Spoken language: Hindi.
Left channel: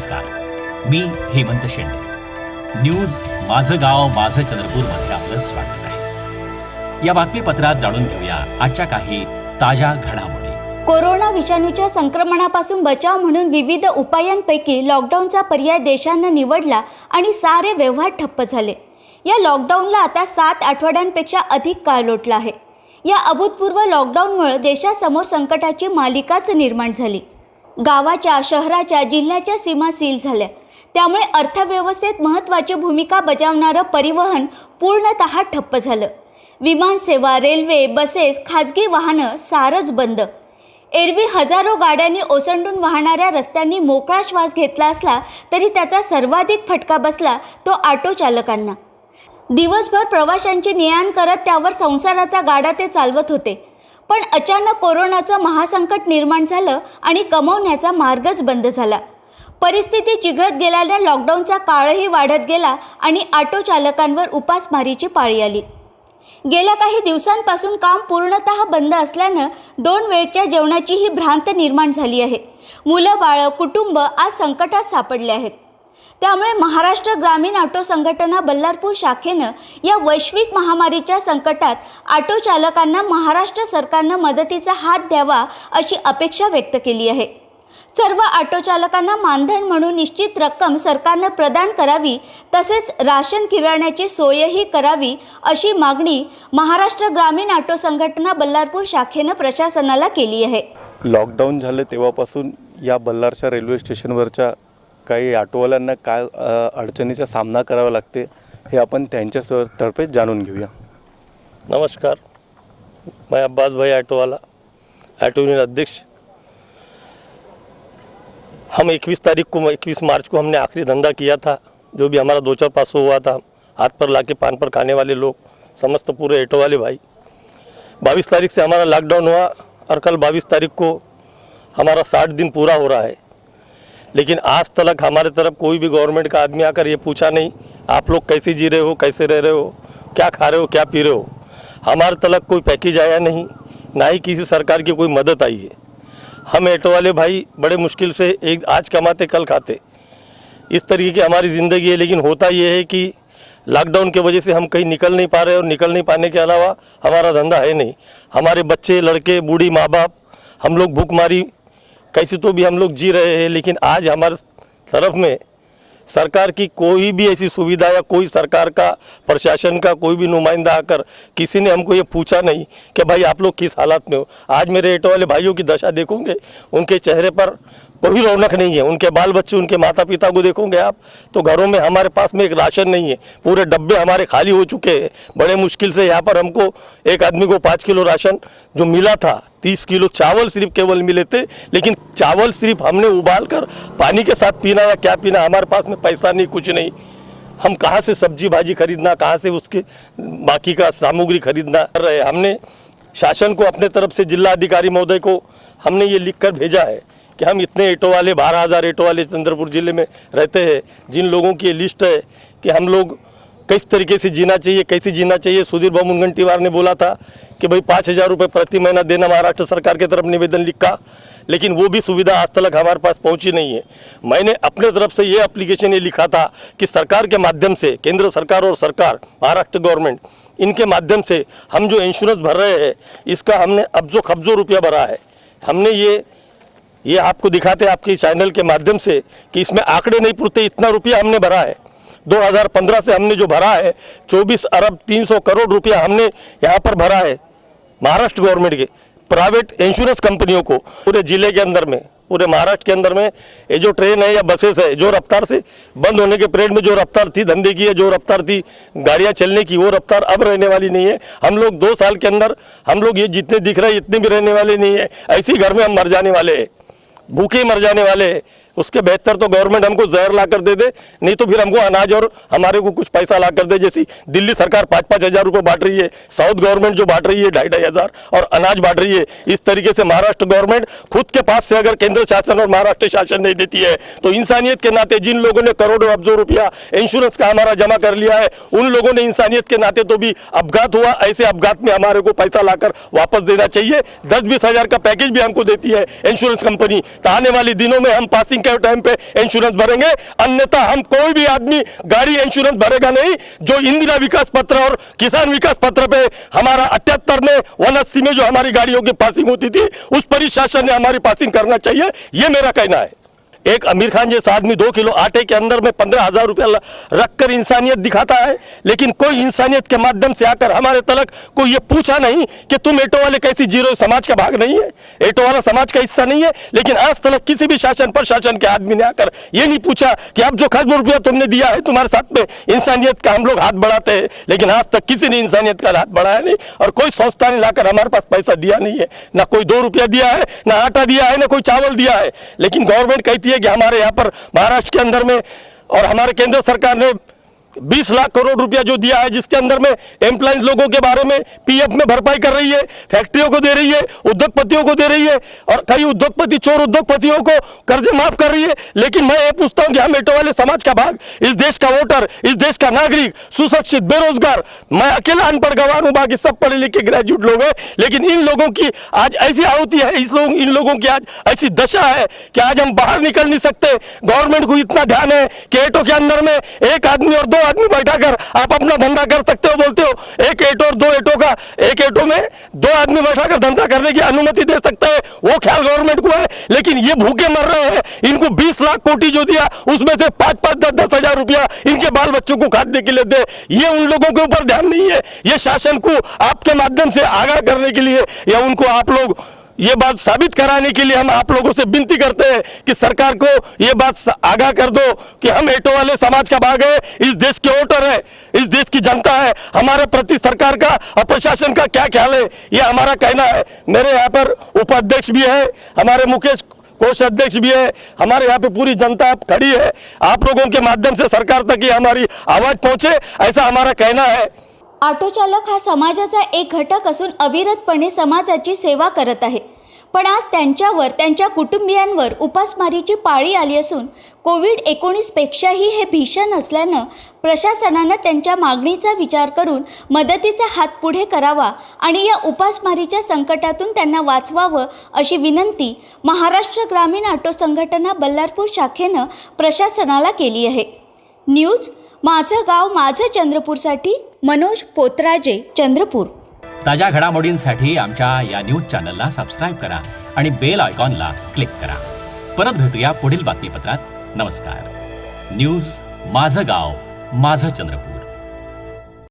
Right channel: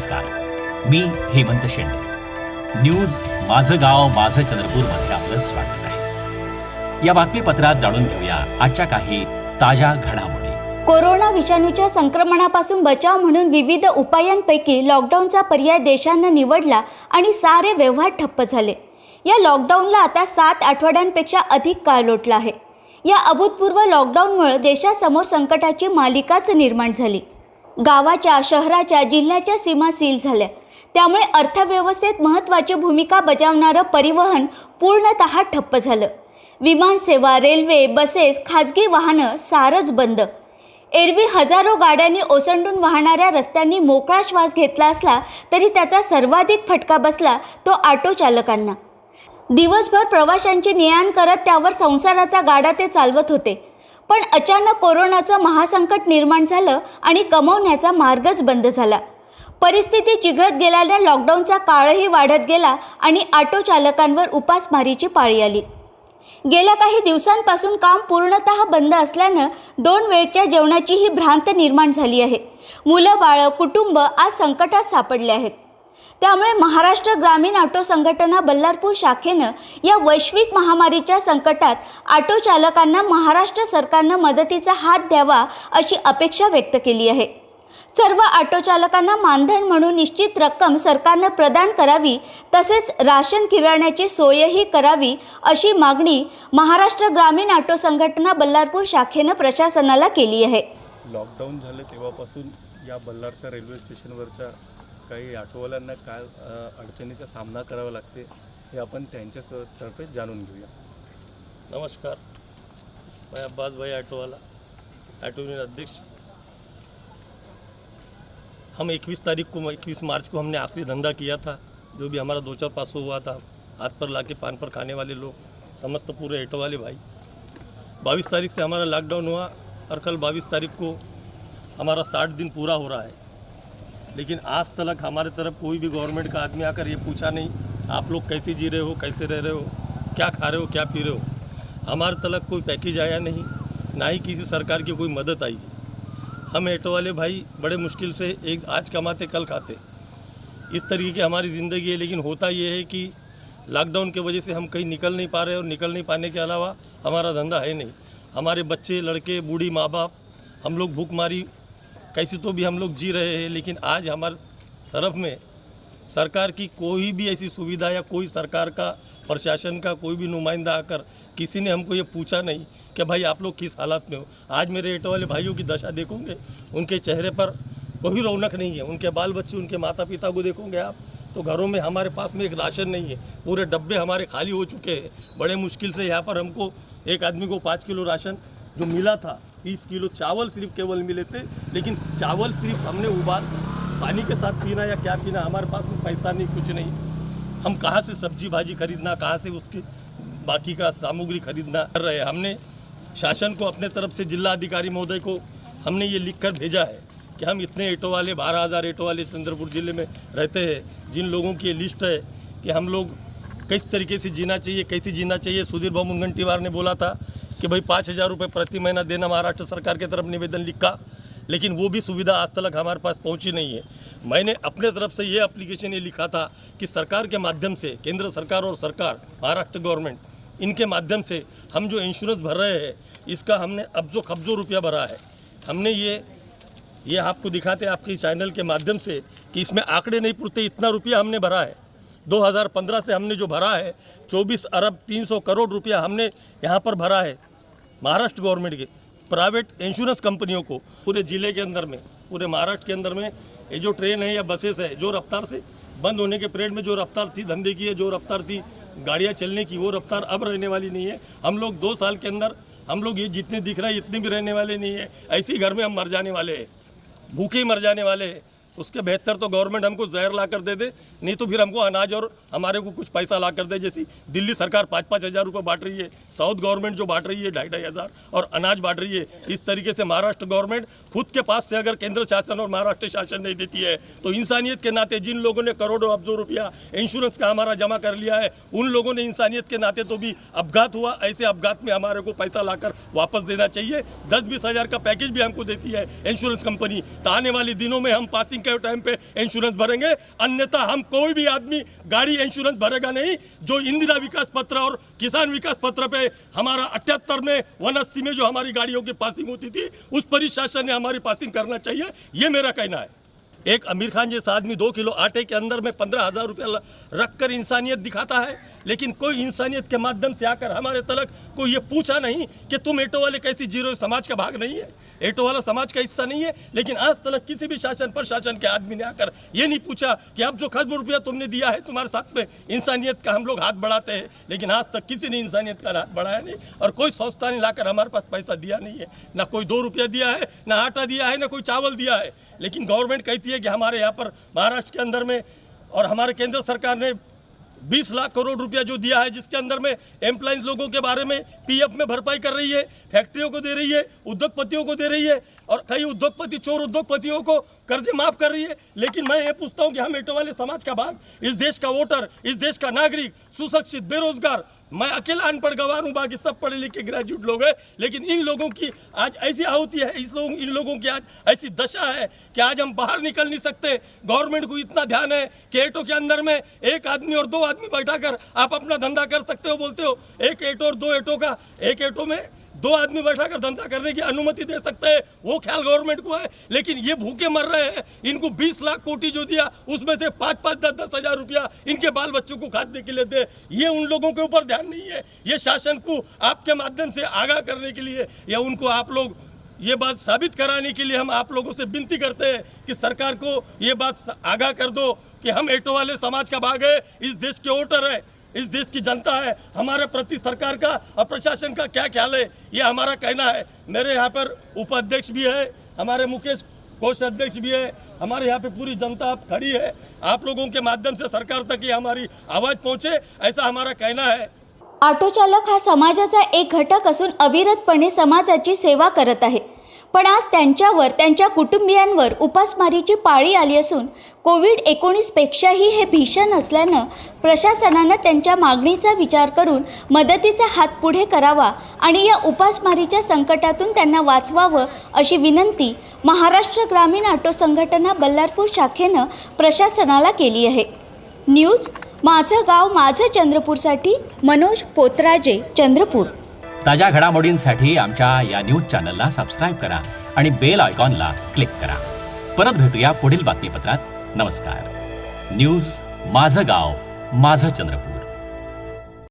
नमस्कार, मी हेमंत शेंडे. न्यूज माझं गाव माझं चंद्रपूर मध्ये आपलं स्वागत आहे. या बातमीपत्रात जाणून घेऊया आजच्या काही ताज्या घडामोडी. कोरोना विषाणूच्या संक्रमणापासून बचाव म्हणून विविध उपायांपैकी लॉकडाऊनचा पर्याय देशानं निवडला आणि सारे व्यवहार ठप्प झाले. या लॉकडाऊनला आता 7 आठवड्यांपेक्षा अधिक काळ लोटला आहे. या अभूतपूर्व लॉकडाऊनमुळे देशासमोर संकटाची मालिकाच निर्माण झाली. गावाच्या, शहराच्या, जिल्ह्याच्या सीमा सील झाल्या. त्यामुळे अर्थव्यवस्थेत महत्त्वाची भूमिका बजावणारं परिवहन पूर्णतः ठप्प झालं. विमानसेवा, रेल्वे, बसेस, खाजगी वाहनं सारंच बंद. एरवी हजारो गाड्यांनी ओसंडून वाहणाऱ्या रस्त्यांनी मोकळा श्वास घेतला असला तरी त्याचा सर्वाधिक फटका बसला तो ऑटो चालकांना. दिवसभर प्रवाशांची ने-आण करत त्यावर संसाराचा गाडा ते चालवत होते. पण अचानक कोरोनाचं महासंकट निर्माण झालं आणि कमवण्याचा मार्गच बंद झाला. परिस्थिती चिघळत गेल्याने लॉकडाऊनचा काळही वाढत गेला आणि ऑटो चालकांवर उपासमारीची पाळी आली. गेल्या काही दिवसांपासून काम पूर्णतः बंद असल्यानं 2 वेळच्या जेवणाचीही भ्रांत निर्माण झाली आहे. मुलं, बाळं, कुटुंब आज संकटात सापडले आहेत. त्यामुळे महाराष्ट्र ग्रामीण ऑटो संघटना बल्लारपूर शाखेनं या वैश्विक महामारीच्या संकटात ऑटो चालकांना महाराष्ट्र सरकारनं मदतीचा हात द्यावा अशी अपेक्षा व्यक्त केली आहे. सर्व ऑटो चालकांना मानधन म्हणून निश्चित रक्कम सरकारनं प्रदान करावी, तसेच राशन किराण्याची सोयही करावी अशी मागणी महाराष्ट्र ग्रामीण ऑटो संघटना बल्लारपूर शाखेनं प्रशासनाला केली आहे. लॉकडाऊन झालं तेव्हापासून या बल्लारच्या रेल्वे स्टेशनवरच्या काही ऑटोवाल्यांना काय अडचणीचा सामना करावा लागते हे आपण त्यांच्या तर्फे जाणून घेऊया. नमस्कार, मैं अब्बास भाई ऑटो वाला, ऑटो यूनियन अध्यक्ष. हम 21 मार्च को हमने आखिरी धंधा किया था. जो भी हमारा 2-4-500 हुआ था, हाथ पर लाके पान पर खाने वाले लोग, समस्त पूरे ऑटो वाले भाई. 22 तारीख से हमारा लॉकडाउन हुआ और कल 22 तारीख को हमारा 60 दिन पूरा हो रहा है. लेकिन आज तक हमारे तरफ कोई भी गवर्नमेंट का आदमी आकर ये पूछा नहीं आप लोग कैसे जी रहे हो, कैसे रह रहे हो, क्या खा रहे हो, क्या पी रहे हो. हमारे तक कोई पैकेज आया नहीं, ना ही किसी सरकार की कोई मदद आई है. हम ऑटो वाले भाई बड़े मुश्किल से एक आज कमाते कल खाते, इस तरीके की हमारी ज़िंदगी है. लेकिन होता ये है कि लॉकडाउन की वजह से हम कहीं निकल नहीं पा रहे और निकल नहीं पाने के अलावा हमारा धंधा है नहीं. हमारे बच्चे, लड़के, बूढ़ी माँ बाप, हम लोग भूखमारी कैसे तो भी हम लोग जी रहे हैं. लेकिन आज हमारे तरफ में सरकार की कोई भी ऐसी सुविधा या कोई सरकार का, प्रशासन का कोई भी नुमाइंदा आकर किसी ने हमको ये पूछा नहीं कि भाई आप लोग किस हालात में हो. आज मेरे ऑटो वाले भाइयों की दशा देखोगे, उनके चेहरे पर कोई रौनक नहीं है. उनके बाल बच्चे, उनके माता पिता को देखोगे आप तो घरों में हमारे पास में एक राशन नहीं है. पूरे डब्बे हमारे खाली हो चुके हैं. बड़े मुश्किल से यहाँ पर हमको एक आदमी को 5 किलो राशन जो मिला था, 30 किलो चावल सिर्फ केवल मिले थे. लेकिन चावल सिर्फ हमने उबाल कर पानी के साथ पीना या क्या पीना, हमारे पास में पैसा नहीं, कुछ नहीं. हम कहाँ से सब्जी भाजी खरीदना, कहाँ से उसके बाकी का सामग्री खरीदना कर रहे. हमने शासन को अपने तरफ से जिला अधिकारी महोदय को हमने ये लिख कर भेजा है कि हम इतने ऑटो वाले, 12,000 ऑटो वाले चंद्रपुर ज़िले में रहते हैं, जिन लोगों की ये लिस्ट है कि हम लोग किस तरीके से जीना चाहिए, कैसे जीना चाहिए. सुधीर बाबू मुनगंटीवार ने बोला था कि भाई 5,000 रुपये प्रति महीना देना महाराष्ट्र सरकार की तरफ निवेदन लिखा. लेकिन वो भी सुविधा आज तक हमारे पास पहुंची नहीं है. मैंने अपने तरफ से ये एप्लीकेशन ये लिखा था कि सरकार के माध्यम से, केंद्र सरकार और सरकार महाराष्ट्र गवर्नमेंट, इनके माध्यम से हम जो इंश्योरेंस भर रहे हैं इसका हमने अब्जो खब्जो रुपया भरा है. हमने ये आपको दिखाते हैं आपके चैनल के माध्यम से कि इसमें आंकड़े नहीं पुरते, इतना रुपया हमने भरा है. 2015 से हमने जो भरा है 24 अरब 300 करोड़ रुपया हमने यहाँ पर भरा है महाराष्ट्र गवर्नमेंट के प्राइवेट इंश्योरेंस कंपनियों को. पूरे ज़िले के अंदर में, पूरे महाराष्ट्र के अंदर में ये जो ट्रेन है या बसेस है, जो रफ्तार से बंद होने के पीरियड में जो रफ्तार थी धंधे की, जो रफ्तार थी गाड़ियाँ चलने की, वो रफ्तार अब रहने वाली नहीं है. हम लोग 2 साल के अंदर हम लोग ये जितने दिख रहे हैं इतने भी रहने वाले नहीं है. ऐसे ही घर में हम मर जाने वाले हैं, भूखे मर जाने वाले हैं. उसके बेहतर तो गवर्नमेंट हमको जहर ला कर दे दे, नहीं तो फिर हमको अनाज और हमारे को कुछ पैसा ला कर दे. जैसी दिल्ली सरकार 5-5 हज़ार रुपये बांट रही है, साउथ गवर्नमेंट जो बांट रही है 2,500 हज़ार और अनाज बांट रही है. इस तरीके से महाराष्ट्र गवर्नमेंट खुद के पास से अगर केंद्र शासन और महाराष्ट्र शासन नहीं देती है तो इंसानियत के नाते जिन लोगों ने करोड़ों अब्जों रुपया इंश्योरेंस का हमारा जमा कर लिया है, उन लोगों ने इंसानियत के नाते तो भी अपघात हुआ, ऐसे अपघात में हमारे को पैसा लाकर वापस देना चाहिए. 10-20 हज़ार का पैकेज भी हमको देती है इंश्योरेंस कंपनी, तो आने वाले दिनों में हम पासिंग के टाइम पे इंश्योरेंस भरेंगे, अन्यथा हम कोई भी आदमी गाड़ी इंश्योरेंस भरेगा नहीं। जो इंदिरा विकास पत्र और किसान विकास पत्र पे हमारा 78 में 180 में जो हमारी गाड़ियों की पासिंग होती थी, उस पर ही शासन ने हमारी पासिंग करना चाहिए, ये मेरा कहना है। एक आमिर खान जैसा आदमी 2 किलो आटे के अंदर में 15,000 रुपया रखकर इंसानियत दिखाता है, लेकिन कोई इंसानियत के माध्यम से आकर हमारे तलक कोई ये पूछा नहीं कि तुम एटो वाले कैसी जीरो समाज का भाग नहीं है, एटो वाला समाज का हिस्सा नहीं है। लेकिन आज तक किसी भी शासन प्रशासन के आदमी ने आकर ये नहीं पूछा कि अब जो खर्च रुपया तुमने दिया है तुम्हारे साथ में इंसानियत का हम लोग हाथ बढ़ाते हैं, लेकिन आज तक किसी ने इंसानियत का हाथ बढ़ाया नहीं और कोई संस्था ने लाकर हमारे पास पैसा दिया नहीं है, ना कोई 2 रुपया दिया है, ना आटा दिया है, ना कोई चावल दिया है। लेकिन गवर्नमेंट कहती है कि हमारे यहाँ पर महाराष्ट्र के अंदर में और हमारे केंद्र सरकार ने 20 लाख करोड़ रुपया जो दिया है, जिसके अंदर में एम्प्लॉइज लोगों के बारे में पीएफ में भरपाई कर रही है, फैक्ट्रियों को दे रही है, उद्योगपतियों को दे रही है और कई उद्योगपति चोर उद्योगपतियों को कर्जे माफ कर रही है। लेकिन मैं ये पूछता हूं कि हम एटो वाले समाज का भाग, इस देश का वोटर, इस देश का नागरिक, सुशिक्षित, बेरोजगार, मैं अकेला अनपढ़ गवार हूं, बाकी सब पढ़े लिखे ग्रेजुएट लोग हैं, लेकिन इन लोगों की आज ऐसी आहुति है, इन लोगों की आज ऐसी दशा है कि आज हम बाहर निकल नहीं सकते। गवर्नमेंट को इतना ध्यान है कि एटो के अंदर में एक आदमी और 2 आदमी बैठाकर आप अपना धंधा कर सकते हो, बोलते हो एक एटो और 2 एटो का, एक एटो में 2 आदमी बैठाकर धंधा करने की अनुमति दे सकता है, वो ख्याल गवर्नमेंट को है। लेकिन ये भूखे मर रहे हैं, इनको 20 लाख कोटी जो दिया उसमें से 5-5, 10-10 हजार रुपया इनके बाल बच्चों को खाने के लिए दे, ये उन लोगों के ऊपर ध्यान नहीं है। ये शासन को आपके माध्यम से आगाह करने के लिए या उनको आप लोग ये बात साबित कराने के लिए हम आप लोगों से विनती करते हैं कि सरकार को ये बात आगाह कर दो कि हम एटो वाले समाज का भाग है, इस देश के वोटर है, इस देश की जनता है, हमारे प्रति सरकार का और प्रशासन का क्या ख्याल है, ये हमारा कहना है। मेरे यहाँ पर उपाध्यक्ष भी है, हमारे मुकेश कोष अध्यक्ष भी है, हमारे यहाँ पे पूरी जनता खड़ी है। आप लोगों के माध्यम से सरकार तक ये हमारी आवाज पहुंचे, ऐसा हमारा कहना है। ऑटो चालक हा समाजाचा एक घटक असून अविरतपणे समाजाची सेवा करत आहे, पण आज त्यांच्यावर त्यांच्या कुटुंबियांवर उपासमारीची पाळी आली असून कोविड-19 पेक्षाही हे भीषण असल्यानं प्रशासनानं त्यांच्या मागणीचा विचार करून मदतीचा हात पुढे करावा आणि या उपासमारीच्या संकटातून त्यांना वाचवावं अशी विनंती महाराष्ट्र ग्रामीण ऑटो संघटना बल्लारपूर शाखेनं प्रशासनाला केली आहे। न्यूज माझं गाव माझं चंद्रपूरसाठी मनोज पोतराजे, चंद्रपूर। ताज्या घडामोडींसाठी आमच्या या न्यूज चॅनलला सबस्क्राईब करा आणि बेल आयकॉनला क्लिक करा। परत भेटूया पुढील बातमीपत्रात। नमस्कार। न्यूज माझं गाव माझं चंद्रपूर।